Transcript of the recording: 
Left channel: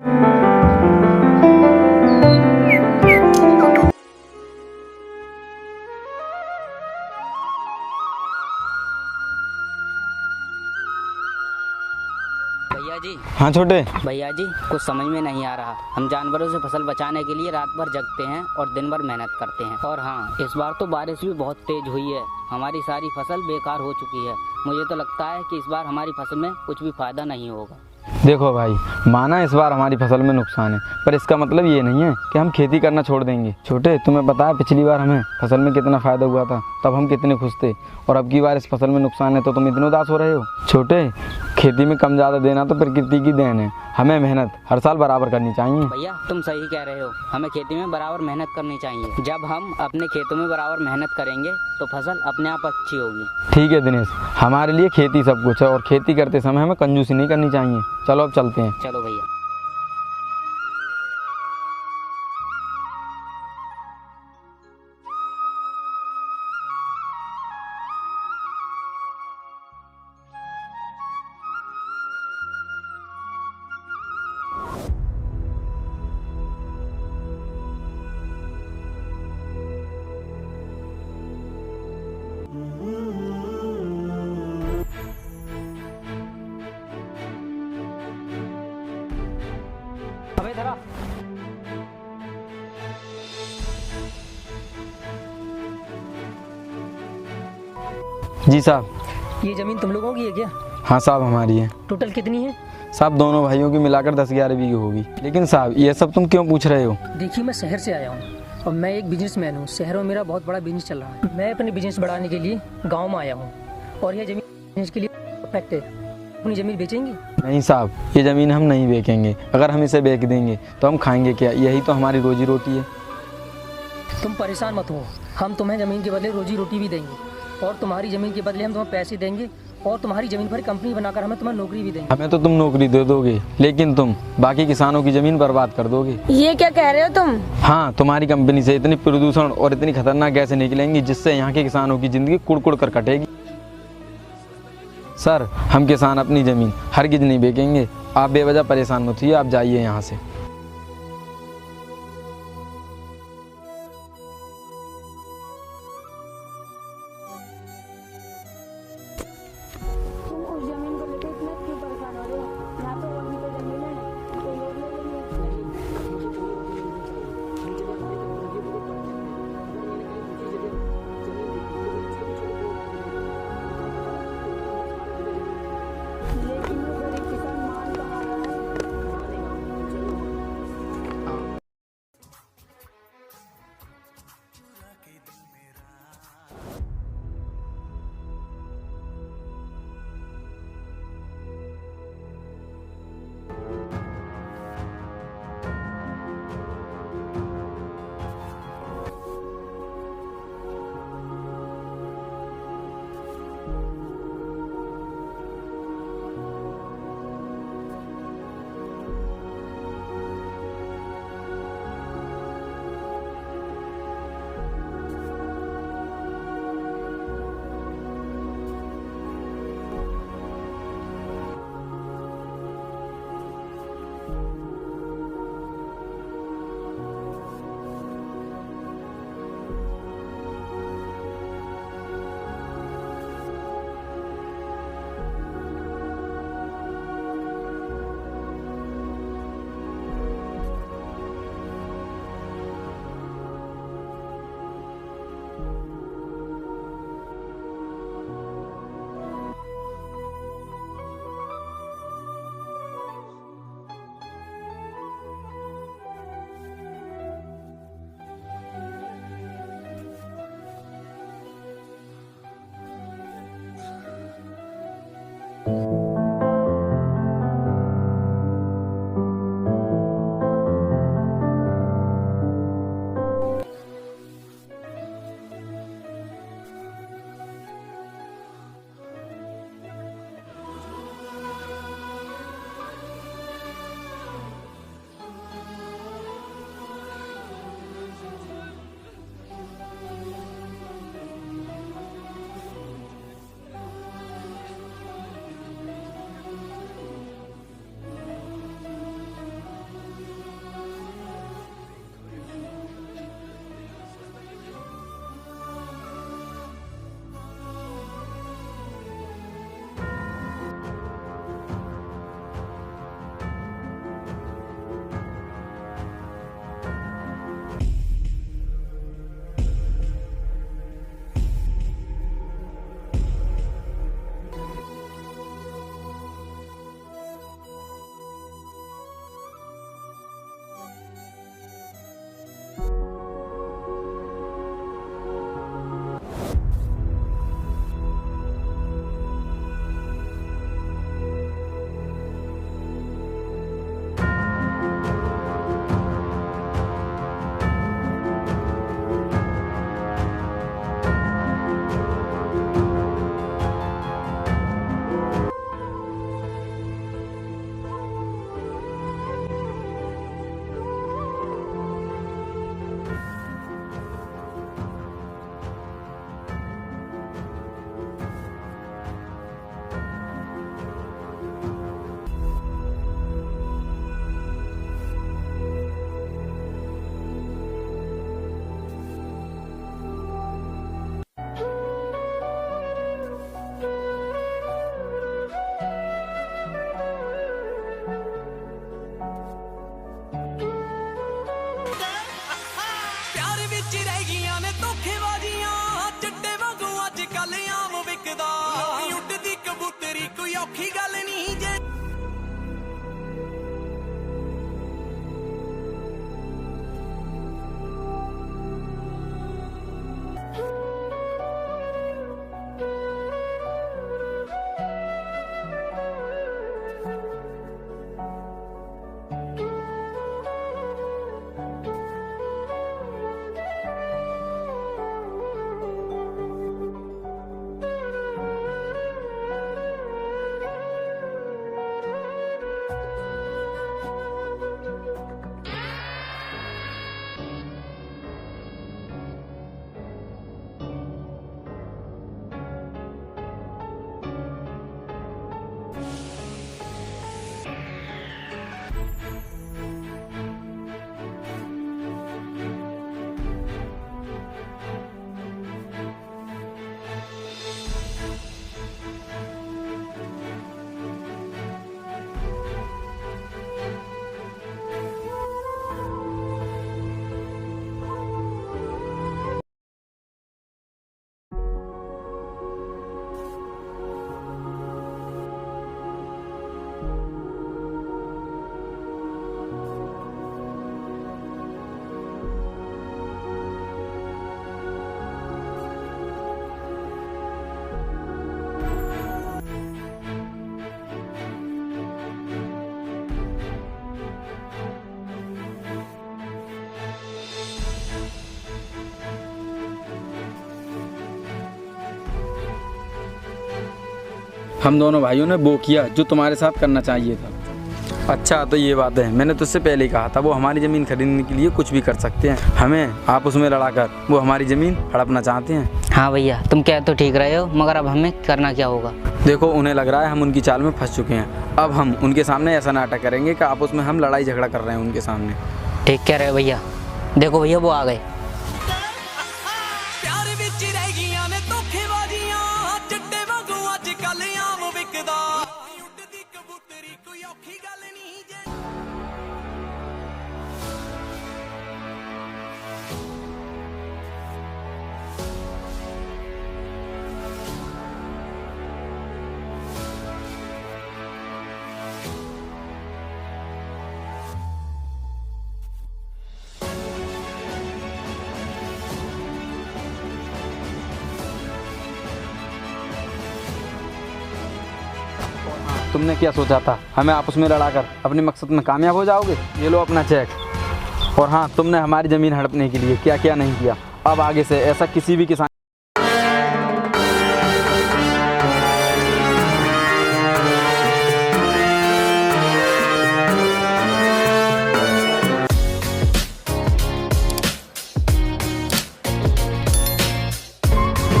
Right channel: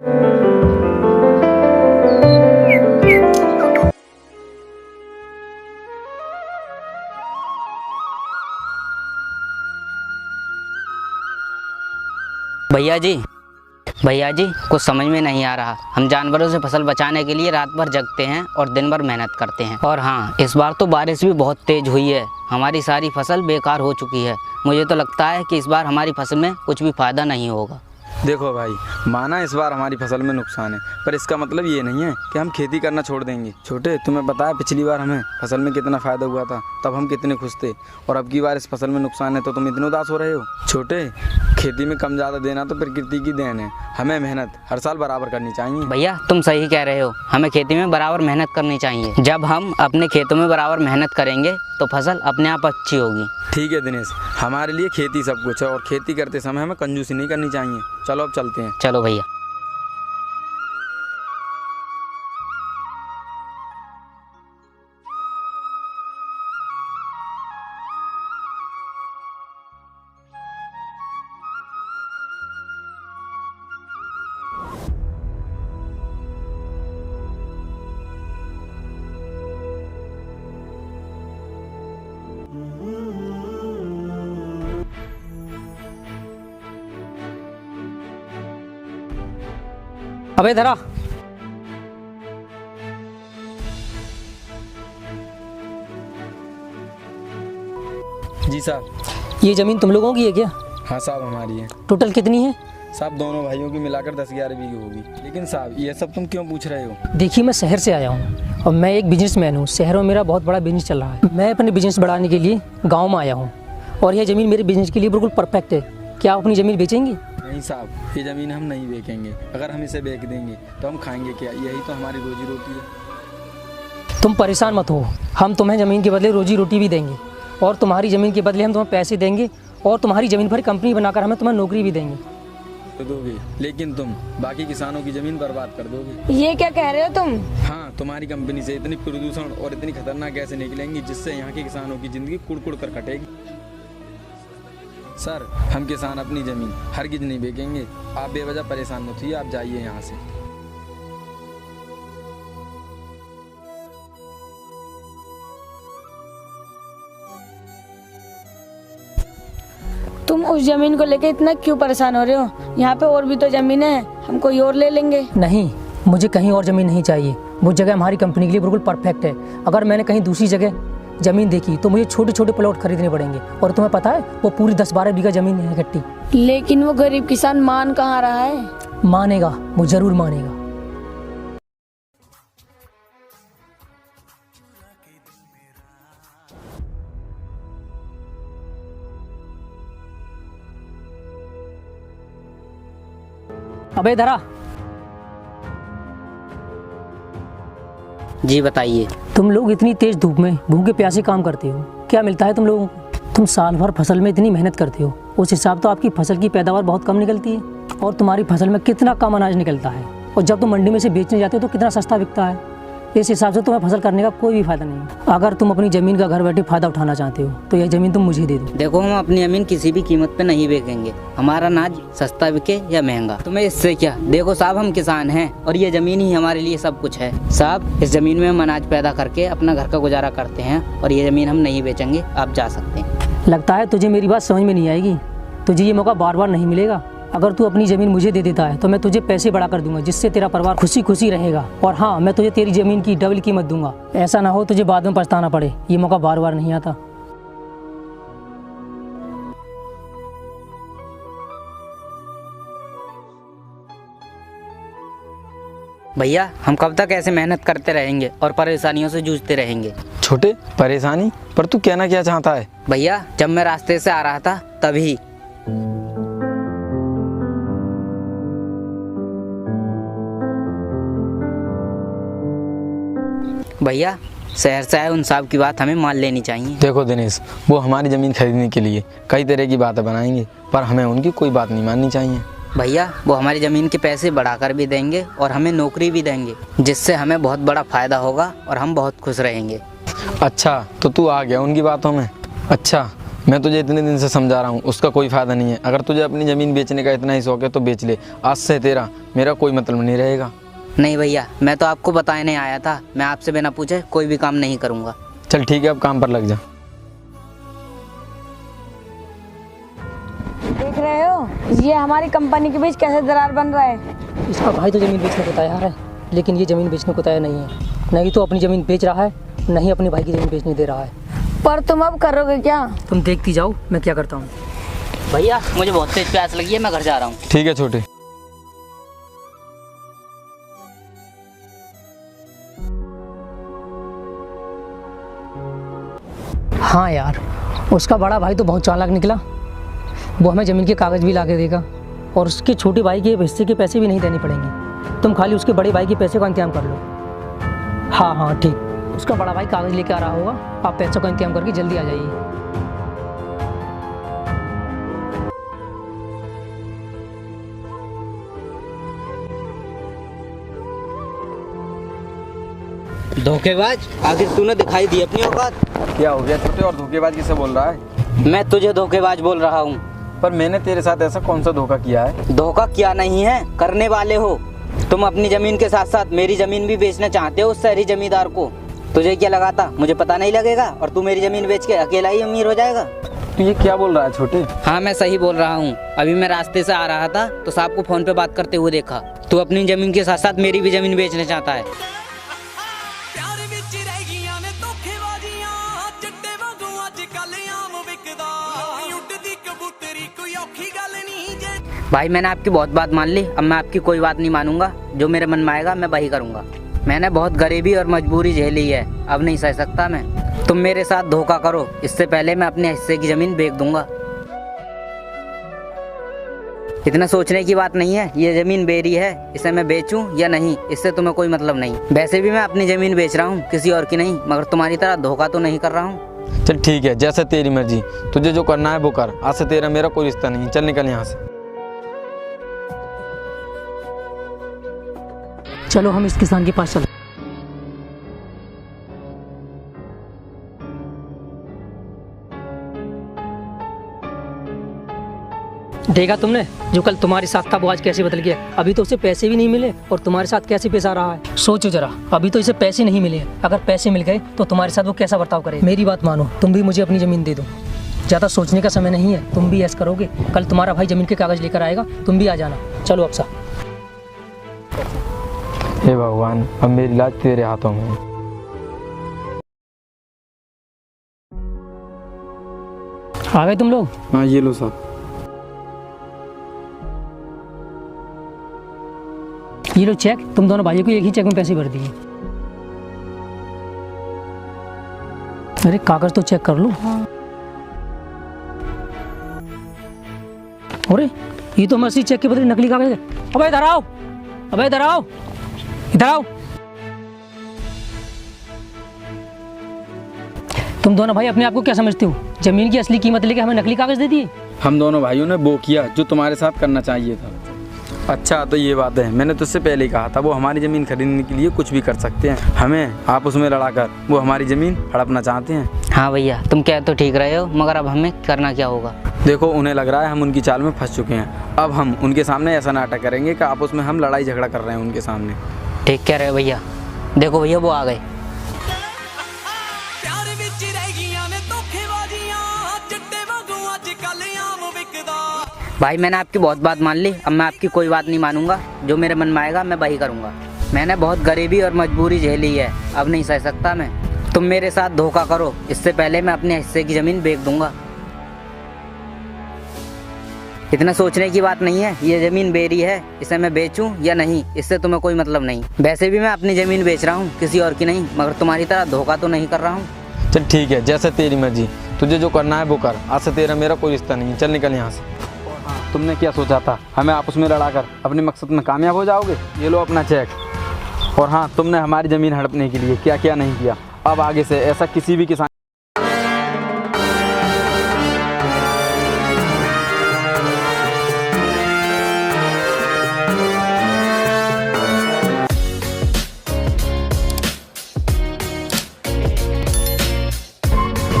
भैया जी। हाँ छोटे। भैया जी कुछ समझ में नहीं आ रहा। हम जानवरों से फसल बचाने के लिए रात भर जगते हैं और दिन भर मेहनत करते हैं। और हाँ, इस बार तो बारिश भी बहुत तेज हुई है। हमारी सारी फसल बेकार हो चुकी है। मुझे तो लगता है कि इस बार हमारी फसल में कुछ भी फायदा नहीं होगा। देखो भाई, माना इस बार हमारी फसल में नुकसान है, पर इसका मतलब ये नहीं है कि हम खेती करना छोड़ देंगे। छोटे, तुम्हें पता है पिछली बार हमें फसल में कितना फ़ायदा हुआ था, तब हम कितने खुश थे, और अब की बार इस फसल में नुकसान है तो तुम इतने उदास हो रहे हो। छोटे, खेती में कम ज़्यादा देना तो प्रकृति की देन है। हमें मेहनत हर साल बराबर करनी चाहिए। भैया तुम सही कह रहे हो, हमें खेती में बराबर मेहनत करनी चाहिए। जब हम अपने खेतों में बराबर मेहनत करेंगे तो फसल अपने आप अच्छी होगी। ठीक है दिनेश, हमारे लिए खेती सब कुछ है और खेती करते समय हमें कंजूसी नहीं करनी चाहिए। चलो अब चलते हैं। चलो भैया। अबे धरा। जी साहब। ये ज़मीन तुम लोगों की है क्या? हाँ साहब, हमारी है। टोटल कितनी है? साहब दोनों भाइयों की मिलाकर 10-11 बीघे होगी। लेकिन साहब ये सब तुम क्यों पूछ रहे हो? देखिए, मैं शहर से आया हूँ और मैं एक बिजनेसमैन हूँ। शहरों में मेरा बहुत बड़ा बिजनेस चल रहा है। मैं अपने बिजनेस बढ़ाने के लिए गाँव में आया हूँ और यह ज़मीन मेरे बिजनेस के लिए बिल्कुल परफेक्ट है। क्या आप अपनी ज़मीन बेचेंगे? नहीं साहब, ये ज़मीन हम नहीं बेचेंगे। अगर हम इसे बेच देंगे तो हम खाएंगे क्या? यही तो हमारी रोजी रोटी है। तुम परेशान मत हो, हम तुम्हें ज़मीन के बदले रोजी रोटी भी देंगे और तुम्हारी ज़मीन के बदले हम तुम्हें पैसे देंगे और तुम्हारी ज़मीन पर कंपनी बनाकर हमें तुम्हें नौकरी भी देंगे। हमें तो तुम नौकरी दे दोगे, लेकिन तुम बाकी किसानों की ज़मीन बर्बाद कर दोगे। ये क्या कह रहे हो तुम? हाँ, तुम्हारी कंपनी से इतनी प्रदूषण और इतनी खतरनाक गैसें निकलेंगी जिससे यहाँ के किसानों की ज़िंदगी कुड़ कर कटेगी। सर, हम किसान अपनी ज़मीन हरगिज़ नहीं बेचेंगे। आप बेवजह परेशान मत होइए, आप जाइए यहाँ से। तुम उस जमीन को लेके इतना क्यों परेशान हो रहे हो? यहाँ पे और भी तो जमीन है, हम कोई और ले लेंगे। नहीं, मुझे कहीं और ज़मीन नहीं चाहिए। वो जगह हमारी कंपनी के लिए बिल्कुल परफेक्ट है। अगर मैंने कहीं दूसरी जगह ज़मीन देखी तो मुझे छोटे छोटे प्लॉट खरीदने पड़ेंगे और तुम्हें पता है वो पूरी 10-12 बीघा ज़मीन है इकट्ठी। लेकिन वो गरीब किसान मान कहाँ रहा है? मानेगा, वो ज़रूर मानेगा। अबे धरा। जी बताइए। तुम लोग इतनी तेज धूप में भूखे प्यासे काम करते हो, क्या मिलता है तुम लोगों को? तुम साल भर फसल में इतनी मेहनत करते हो, उस हिसाब तो आपकी फसल की पैदावार बहुत कम निकलती है और तुम्हारी फसल में कितना कम अनाज निकलता है और जब तुम मंडी में से बेचने जाते हो तो कितना सस्ता बिकता है। इस हिसाब से तुम्हें फसल करने का कोई भी फायदा नहीं है। अगर तुम अपनी ज़मीन का घर बैठे फ़ायदा उठाना चाहते हो तो यह ज़मीन तुम मुझे दे दो। देखो, हम अपनी ज़मीन किसी भी कीमत पे नहीं बेचेंगे। हमारा अनाज सस्ता बिके या महंगा, तुम्हें इससे क्या। देखो साहब, हम किसान हैं और ये ज़मीन ही हमारे लिए सब कुछ है। साहब, इस ज़मीन में हम अनाज पैदा करके अपना घर का गुजारा करते हैं और ये ज़मीन हम नहीं बेचेंगे। आप जा सकते हैं। लगता है तुझे मेरी बात समझ में नहीं आएगी। तुझे ये मौका बार बार नहीं मिलेगा। अगर तू अपनी ज़मीन मुझे दे देता है तो मैं तुझे पैसे बढ़ा कर दूंगा, जिससे तेरा परिवार खुशी खुशी रहेगा। और हाँ, मैं तुझे तेरी ज़मीन की डबल कीमत दूंगा। ऐसा ना हो तुझे बाद में पछताना पड़े। ये मौका बार बार नहीं आता। भैया, हम कब तक ऐसे मेहनत करते रहेंगे और परेशानियों से जूझते रहेंगे? छोटे, परेशानी? पर तू कहना क्या चाहता है? भैया, जब मैं रास्ते से आ रहा था तभी भैया, शहर से आए उन साहब की बात हमें मान लेनी चाहिए। देखो दिनेश, वो हमारी ज़मीन खरीदने के लिए कई तरह की बातें बनाएंगे, पर हमें उनकी कोई बात नहीं माननी चाहिए। भैया, वो हमारी ज़मीन के पैसे बढ़ाकर भी देंगे और हमें नौकरी भी देंगे, जिससे हमें बहुत बड़ा फ़ायदा होगा और हम बहुत खुश रहेंगे। अच्छा, तो तू आ गया उनकी बातों में। अच्छा, मैं तुझे इतने दिन से समझा रहा हूँ, उसका कोई फ़ायदा नहीं है। अगर तुझे अपनी ज़मीन बेचने का इतना ही शौक है तो बेच ले। आज से तेरा मेरा कोई मतलब नहीं रहेगा। नहीं भैया, मैं तो आपको बताने आया था। मैं आपसे बिना पूछे कोई भी काम नहीं करूँगा। चल ठीक है, अब काम पर लग जा। देख रहे हो ये हमारी कंपनी के बीच कैसे दरार बन रहा है। इसका भाई तो ज़मीन बेचने को तैयार है, लेकिन ये ज़मीन बेचने को तैयार नहीं है। नहीं तो अपनी ज़मीन बेच रहा है, नहीं अपने भाई की ज़मीन बेचने दे रहा है। पर तुम अब करोगे क्या? तुम देखती जाओ मैं क्या करता हूँ। भैया मुझे बहुत तेज प्यास लगी है, मैं घर जा रहा हूँ। ठीक है छोटे। हाँ यार, उसका बड़ा भाई तो बहुत चालाक निकला। वो हमें ज़मीन के कागज़ भी ला के देगा और उसके छोटे भाई के हिस्से के पैसे भी नहीं देने पड़ेंगे। तुम खाली उसके बड़े भाई के पैसे का इंतजाम कर लो। हाँ ठीक, उसका बड़ा भाई कागज़ लेके आ रहा होगा, आप पैसों का इंतजाम करके जल्दी आ जाइए। धोखेबाज, आखिर तूने दिखाई दी अपनी औकात। क्या हो गया छोटे, और धोखेबाज किसे बोल रहा है? मैं तुझे धोखेबाज बोल रहा हूँ। पर मैंने तेरे साथ ऐसा कौन सा धोखा किया है? धोखा क्या नहीं है, करने वाले हो। तुम अपनी जमीन के साथ साथ मेरी जमीन भी बेचना चाहते हो उस शहरी जमींदार को। तुझे क्या लगा था मुझे पता नहीं लगेगा और तू मेरी जमीन बेच के अकेला ही अमीर हो जाएगा? तू ये क्या बोल रहा है छोटे? हाँ मैं सही बोल रहा हूँ। अभी मैं रास्ते से आ रहा था तो साहब को फोन पे बात करते हुए देखा। तू अपनी जमीन के साथ साथ मेरी भी जमीन बेचना चाहता है। प्यार विच रह गईयां ने धोखेबाजियां, चिट्टे वांगू अजकल आम विकदा, उड़दी कबूतरी कोई औखी गल नहीं जे। भाई मैंने आपकी बहुत बात मान ली, अब मैं आपकी कोई बात नहीं मानूंगा। जो मेरे मन में आएगा मैं वही करूंगा। मैंने बहुत गरीबी और मजबूरी झेली है, अब नहीं सह सकता मैं। तुम मेरे साथ धोखा करो, इससे पहले मैं अपने हिस्से की जमीन बेच दूंगा। इतना सोचने की बात नहीं है। ये जमीन मेरी है, इसे मैं बेचूं या नहीं इससे तुम्हें कोई मतलब नहीं। वैसे भी मैं अपनी जमीन बेच रहा हूँ, किसी और की नहीं। मगर तुम्हारी तरह धोखा तो नहीं कर रहा हूँ। चल ठीक है, जैसे तेरी मर्जी, तुझे जो करना है वो कर। आज से तेरा मेरा कोई रिश्ता नहीं है। चल निकल यहाँ से। चलो हम इस किसान के पास चलो। देखा तुमने, जो कल तुम्हारे साथ था वो आज कैसे बदल गया। अभी तो उसे पैसे भी नहीं मिले और तुम्हारे साथ कैसे पेश आ रहा है। सोचो जरा, अभी तो इसे पैसे नहीं मिले, अगर पैसे मिल गए तो तुम्हारे साथ वो कैसा बर्ताव करे। मेरी बात मानो, तुम भी मुझे अपनी जमीन दे दो। ज़्यादा सोचने का समय नहीं है, तुम भी ऐसा करोगे। कल तुम्हारा भाई जमीन के कागज लेकर आएगा, तुम भी आ जाना। चलो अक्सा। हे भगवान, अब मेरी लाज तेरे हाथों में है। आ गए तुम लोग? हाँ ये लो साहब। ये लो चेक, तुम दोनों भाइयों को एक ही चेक में पैसे भर दिए। अरे कागज तो चेक कर लो। अरे ये तो मैं असली चेक के बदले नकली कागज है। अबे इधर आओ, अबे इधर आओ, इधर आओ। तुम दोनों भाई अपने आप को क्या समझते हो? जमीन की असली कीमत लेके हमें नकली कागज दे दिए। हम दोनों भाइयों ने वो किया जो तुम्हारे साथ करना चाहिए था। अच्छा तो ये बात है, मैंने तुझसे पहले ही कहा था वो हमारी ज़मीन खरीदने के लिए कुछ भी कर सकते हैं। हमें आप उसमें लड़ाकर वो हमारी ज़मीन हड़पना चाहते हैं। हाँ भैया, तुम कह तो ठीक रहे हो, मगर अब हमें करना क्या होगा? देखो, उन्हें लग रहा है हम उनकी चाल में फंस चुके हैं। अब हम उनके सामने ऐसा नाटक करेंगे कि आपस में हम लड़ाई झगड़ा कर रहे हैं उनके सामने। ठीक कह रहे हो भैया। देखो भैया वो आ गए। प्यार विच रह गईयां ने धोखेबाजियां, चिट्टे वांगू अजकल आम विकदा। भाई मैंने आपकी बहुत बात मान ली, अब मैं आपकी कोई बात नहीं मानूंगा। जो मेरे मन में आएगा मैं वही करूंगा। मैंने बहुत गरीबी और मजबूरी झेली है, अब नहीं सह सकता मैं। तुम मेरे साथ धोखा करो, इससे पहले मैं अपने हिस्से की ज़मीन बेच दूंगा। इतना सोचने की बात नहीं है। ये ज़मीन मेरी है, इसे मैं बेचूं या नहीं इससे तुम्हें कोई मतलब नहीं। वैसे भी मैं अपनी ज़मीन बेच रहा हूँ, किसी और की नहीं। मगर तुम्हारी तरह धोखा तो नहीं कर रहा हूँ। चल ठीक है, जैसे तेरी मर्जी, तुझे जो करना है वो कर। आज से तेरा मेरा कोई रिश्ता नहीं है। चल निकल यहाँ से। तुमने क्या सोचा था, हमें आपस में लड़ाकर अपने मकसद में कामयाब हो जाओगे? ये लो अपना चेक। और हाँ, तुमने हमारी ज़मीन हड़पने के लिए क्या क्या नहीं किया। अब आगे से ऐसा किसी भी किसान